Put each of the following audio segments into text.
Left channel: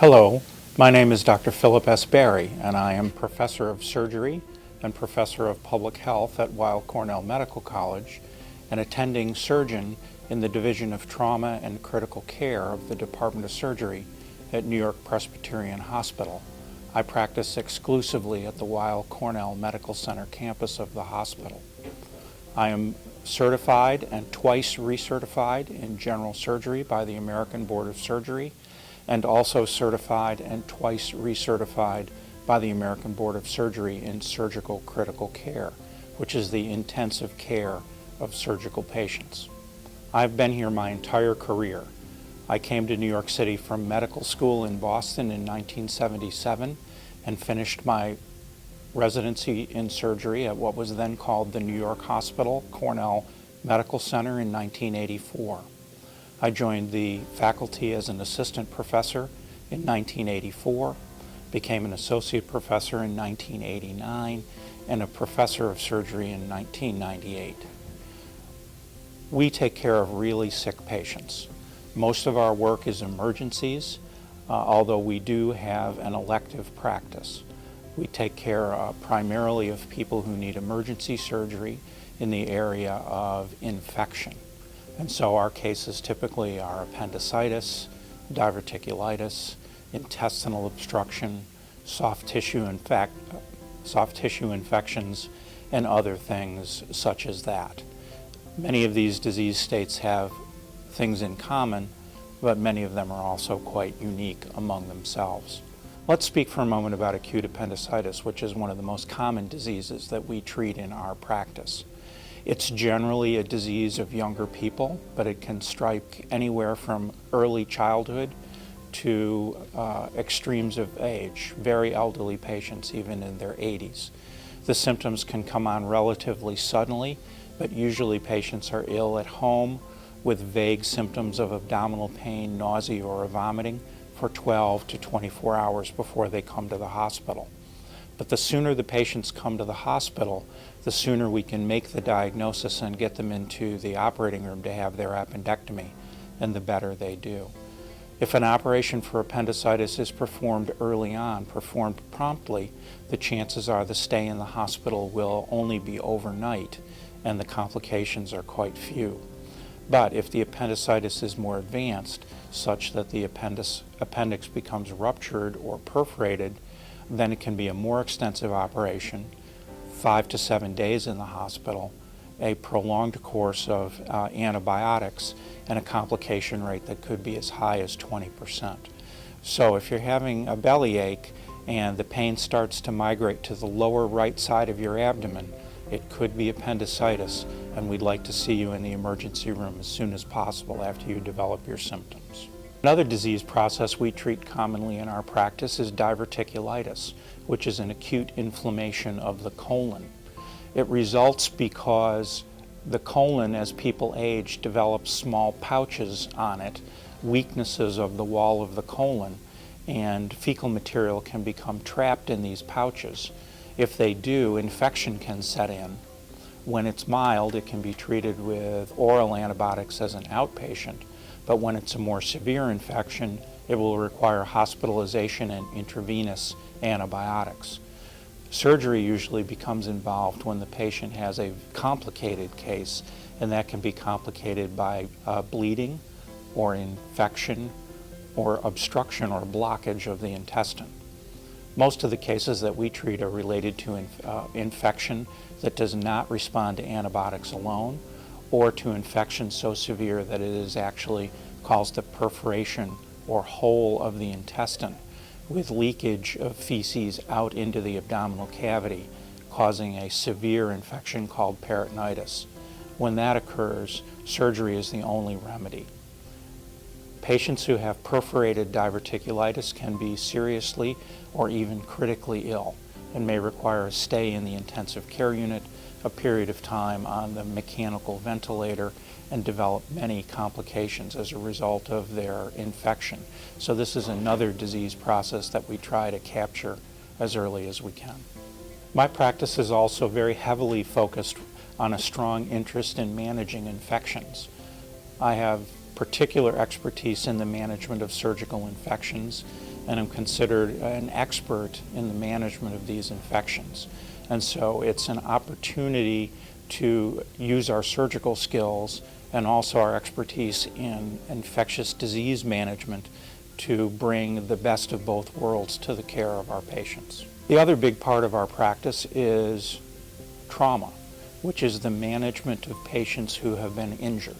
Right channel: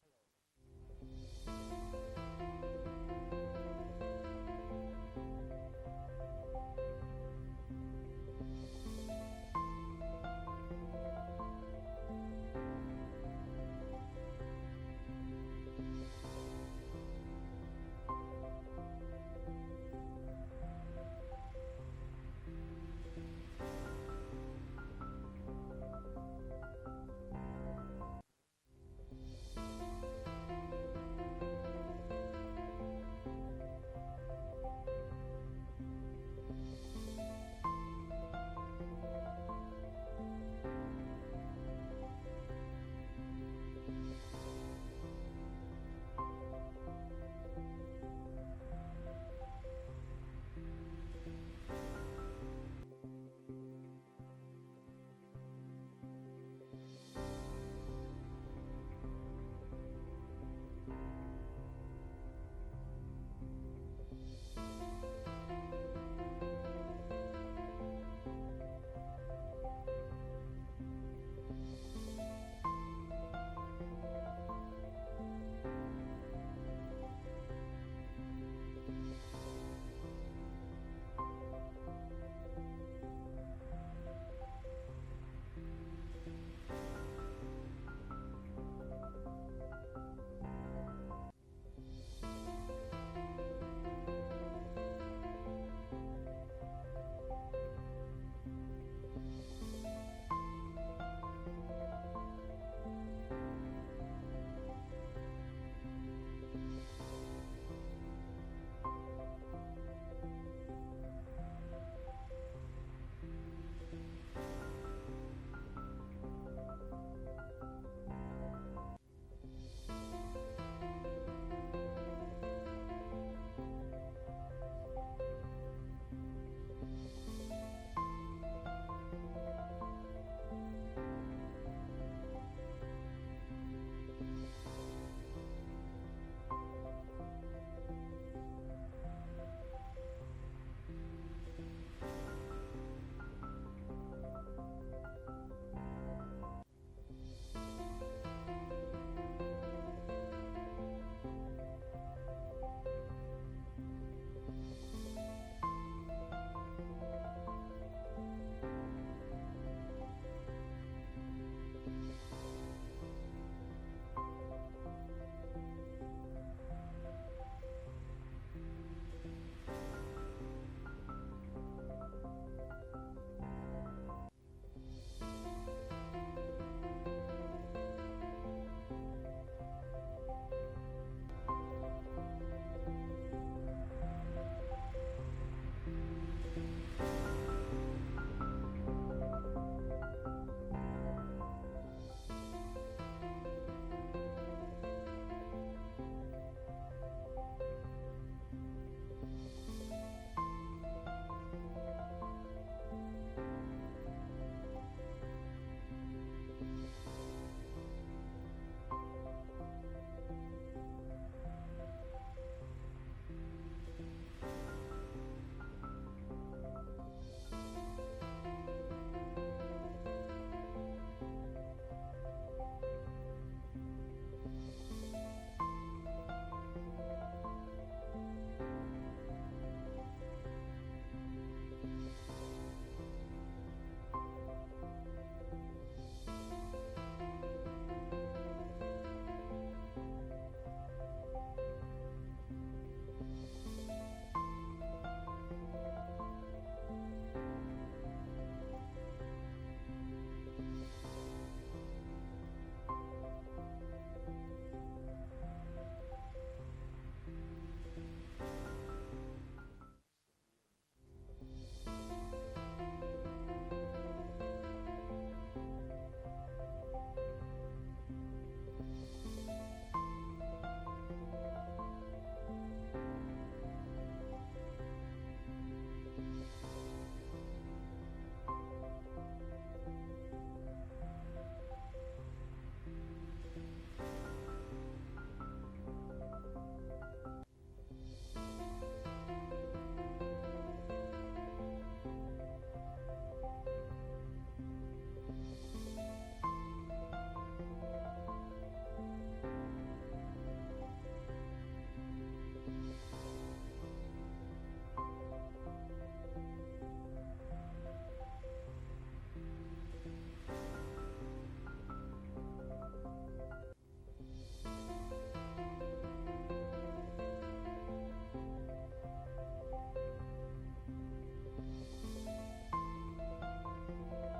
Hello, my name is Dr. Philip S. Barie, and I am Professor of Surgery and Professor of Public Health at Weill Cornell Medical College and attending surgeon in the Division of Trauma and Critical Care of the Department of Surgery at NewYork-Presbyterian Hospital. I practice exclusively at the Weill Cornell Medical Center campus of the hospital. I am certified and twice recertified in general surgery by the American Board of Surgery, and also certified and twice recertified by the American Board of Surgery in surgical critical care, which is the intensive care of surgical patients. I've been here my entire career. I came to New York City from medical school in Boston in 1977 and finished my residency in surgery at what was then called the New York Hospital Cornell Medical Center in 1984. I joined the faculty as an assistant professor in 1984, became an associate professor in 1989, and a professor of surgery in 1998. We take care of really sick patients. Most of our work is emergencies, although we do have an elective practice. We take care primarily of people who need emergency surgery in the area of infection. And so our cases typically are appendicitis, diverticulitis, intestinal obstruction, soft tissue infections, and other things such as that. Many of these disease states have things in common, but many of them are also quite unique among themselves. Let's speak for a moment about acute appendicitis, which is one of the most common diseases that we treat in our practice. It's generally a disease of younger people, but it can strike anywhere from early childhood to extremes of age, very elderly patients, even in their 80s. The symptoms can come on relatively suddenly, but usually patients are ill at home with vague symptoms of abdominal pain, nausea, or vomiting for 12 to 24 hours before they come to the hospital. But the sooner the patients come to the hospital, the sooner we can make the diagnosis and get them into the operating room to have their appendectomy, and the better they do. If an operation for appendicitis is performed early on, performed promptly, the chances are the stay in the hospital will only be overnight and the complications are quite few. But if the appendicitis is more advanced, such that the appendix becomes ruptured or perforated, then it can be a more extensive operation, 5 to 7 days in the hospital, a prolonged course of antibiotics, and a complication rate that could be as high as 20%. So if you're having a bellyache and the pain starts to migrate to the lower right side of your abdomen, it could be appendicitis, and we'd like to see you in the emergency room as soon as possible after you develop your symptoms. Another disease process we treat commonly in our practice is diverticulitis, which is an acute inflammation of the colon. It results because the colon, as people age, develops small pouches on it, weaknesses of the wall of the colon, and fecal material can become trapped in these pouches. If they do, infection can set in. When it's mild, it can be treated with oral antibiotics as an outpatient. But when it's a more severe infection, it will require hospitalization and intravenous antibiotics. Surgery usually becomes involved when the patient has a complicated case, and that can be complicated by bleeding or infection or obstruction or blockage of the intestine. Most of the cases that we treat are related to infection that does not respond to antibiotics alone, or to infection so severe that it is actually caused a perforation or hole of the intestine with leakage of feces out into the abdominal cavity, causing a severe infection called peritonitis. When that occurs, surgery is the only remedy. Patients who have perforated diverticulitis can be seriously or even critically ill and may require a stay in the intensive care unit, a period of time on the mechanical ventilator, and develop many complications as a result of their infection. So this is another disease process that we try to capture as early as we can. My practice is also very heavily focused on a strong interest in managing infections. I have particular expertise in the management of surgical infections and am considered an expert in the management of these infections. And so it's an opportunity to use our surgical skills and also our expertise in infectious disease management to bring the best of both worlds to the care of our patients. The other big part of our practice is trauma, which is the management of patients who have been injured.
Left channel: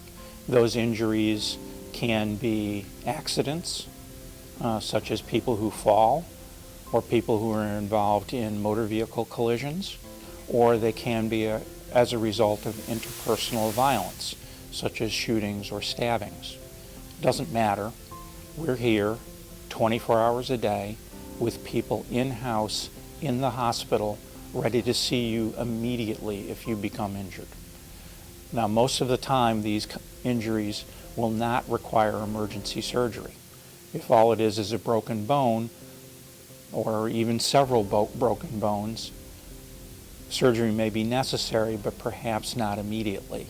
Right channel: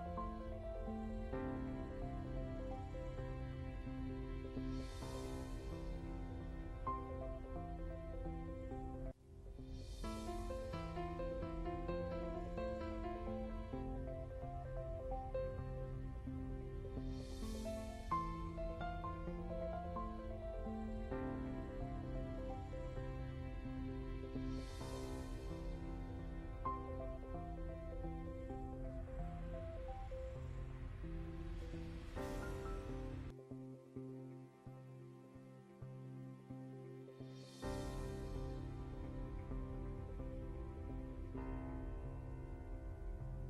Those injuries can be accidents, such as people who fall, or people who are involved in motor vehicle collisions, or they can be as a result of interpersonal violence, such as shootings or stabbings. Doesn't matter. We're here 24 hours a day with people in-house, in the hospital, ready to see you immediately if you become injured. Now, most of the time, these injuries will not require emergency surgery. If all it is a broken bone, or even several broken bones, surgery may be necessary, but perhaps not immediately.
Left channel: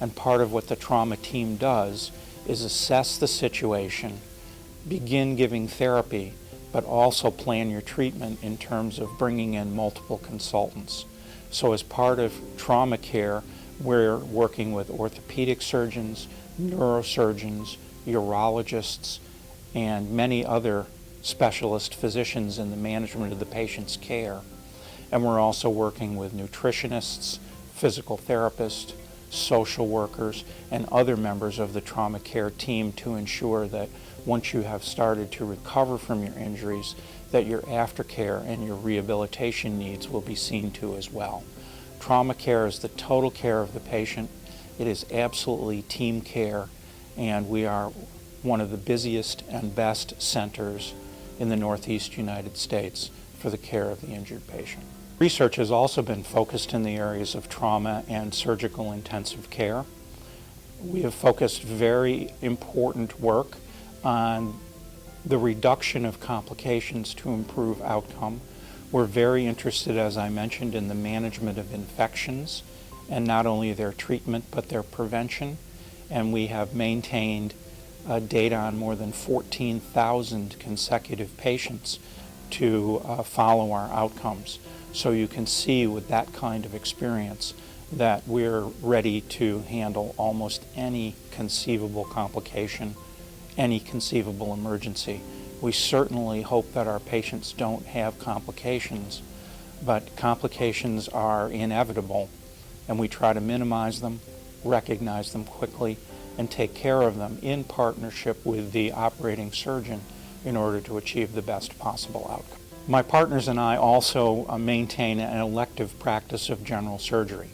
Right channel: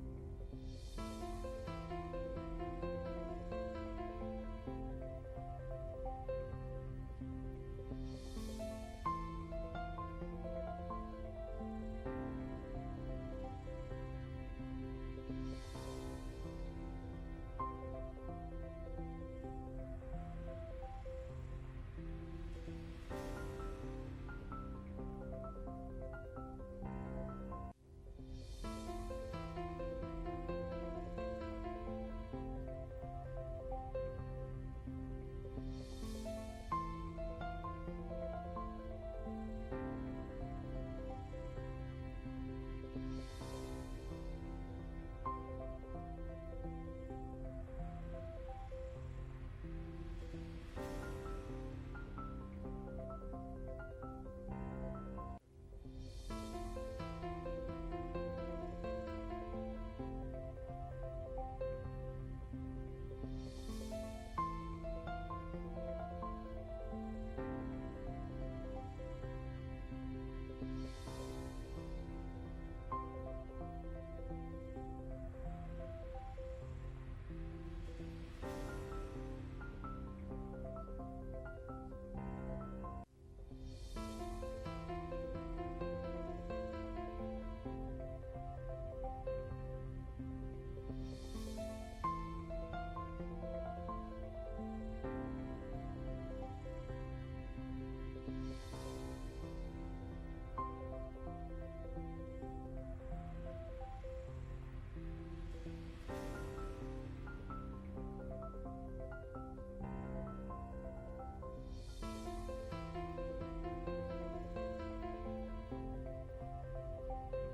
And part of what the trauma team does is assess the situation, begin giving therapy, but also plan your treatment in terms of bringing in multiple consultants. So as part of trauma care, we're working with orthopedic surgeons, neurosurgeons, urologists, and many other specialist physicians in the management of the patient's care. And we're also working with nutritionists, physical therapists, social workers, and other members of the trauma care team to ensure that once you have started to recover from your injuries, that your aftercare and your rehabilitation needs will be seen to as well. Trauma care is the total care of the patient. It is absolutely team care, and we are one of the busiest and best centers in the Northeast United States for the care of the injured patient. Research has also been focused in the areas of trauma and surgical intensive care. We have focused very important work on the reduction of complications to improve outcome. We're very interested, as I mentioned, in the management of infections, and not only their treatment but their prevention. And we have maintained data on more than 14,000 consecutive patients to follow our outcomes. So you can see with that kind of experience that we're ready to handle almost any conceivable complication, any conceivable emergency. We certainly hope that our patients don't have complications, but complications are inevitable, and we try to minimize them, recognize them quickly, and take care of them in partnership with the operating surgeon in order to achieve the best possible outcome. My partners and I also maintain an elective practice of general surgery,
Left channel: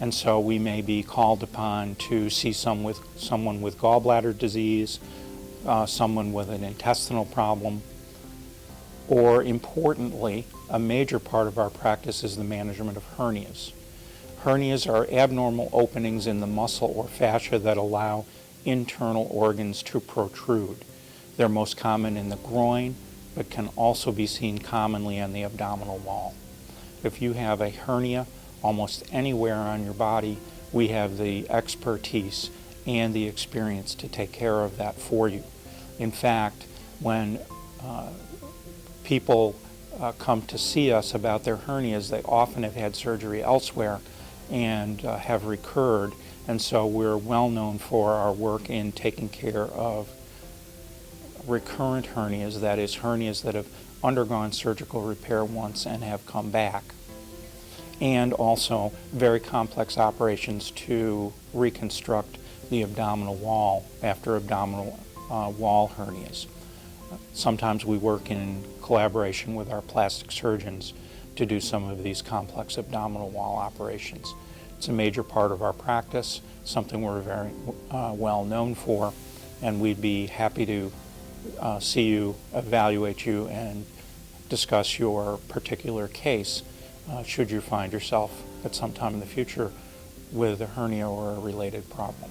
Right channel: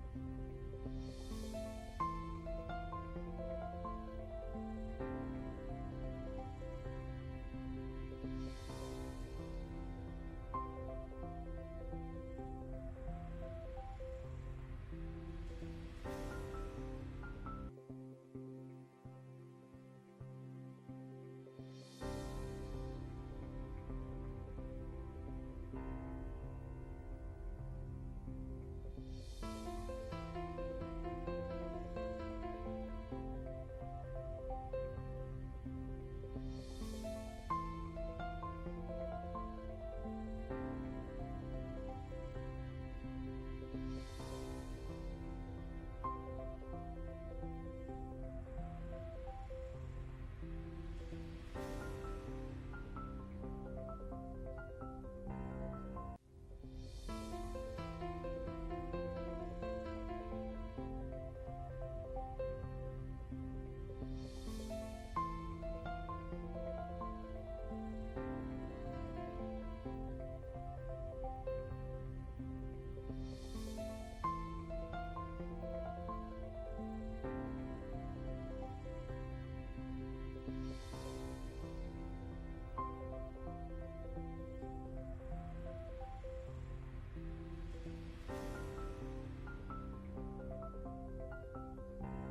and so we may be called upon to see someone with gallbladder disease, someone with an intestinal problem, or importantly, a major part of our practice is the management of hernias. Hernias are abnormal openings in the muscle or fascia that allow internal organs to protrude. They're most common in the groin, but can also be seen commonly on the abdominal wall. If you have a hernia almost anywhere on your body, we have the expertise and the experience to take care of that for you. In fact, when people come to see us about their hernias, they often have had surgery elsewhere and have recurred, and so we're well known for our work in taking care of recurrent hernias, that is, hernias that have undergone surgical repair once and have come back, and also very complex operations to reconstruct the abdominal wall after abdominal wall hernias. Sometimes we work in collaboration with our plastic surgeons to do some of these complex abdominal wall operations. It's a major part of our practice, something we're very well known for, and we'd be happy to see you, evaluate you, and discuss your particular case should you find yourself at some time in the future with a hernia or a related problem.